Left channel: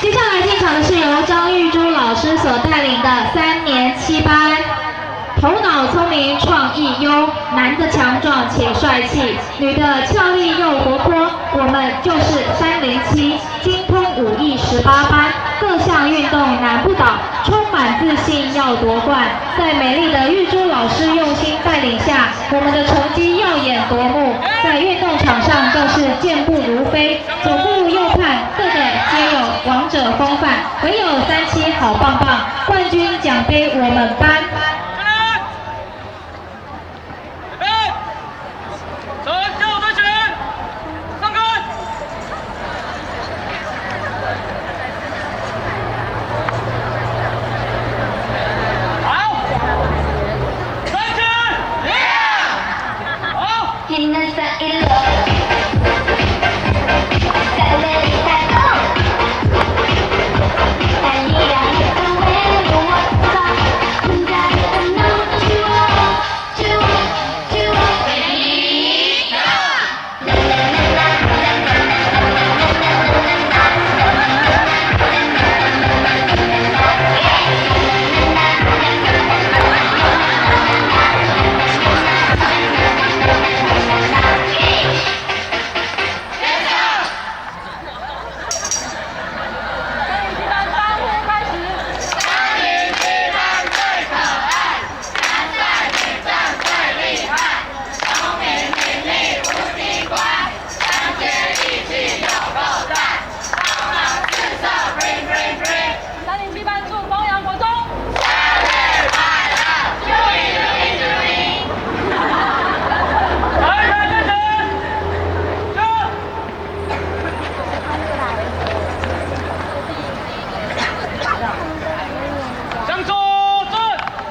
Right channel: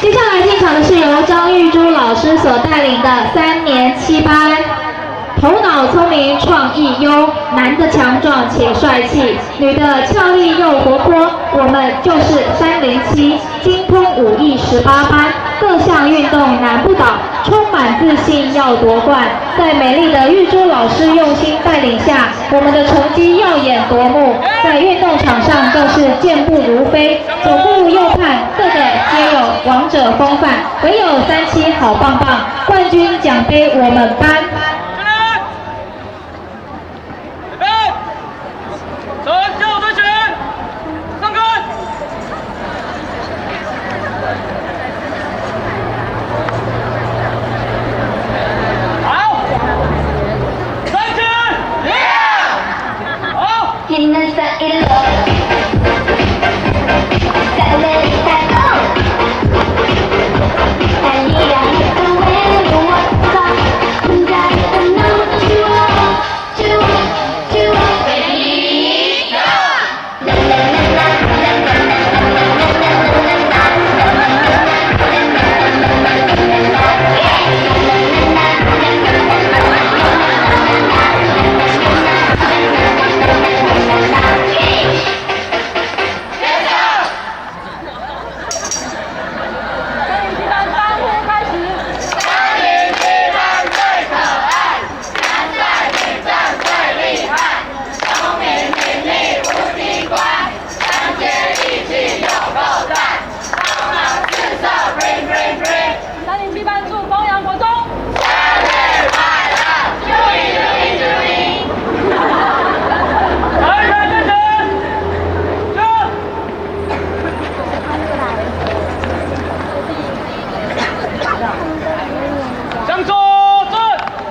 接下来进场的是由张玉珠老师所带领的3年7班。头脑聪明，创意优，男的强壮且帅气，女的俏丽又活泼。我们就是307，精通武艺18班，各项运动难不倒，充满自信要夺冠。在美丽的玉珠老师用心带领下，我们的成绩耀眼夺目，在运动场上更是健步如飞，左顾右盼，个个皆有王者风范。唯有37好棒棒，冠军奖杯我们颁。Hinnan sa ilog Sandali tayo Halika hito when you walk up Hanggang sa know what you want Ready, go! La la la la la la la la la la la307班祝丰阳国中生日快乐！祝你祝你祝你！来人认真，向左。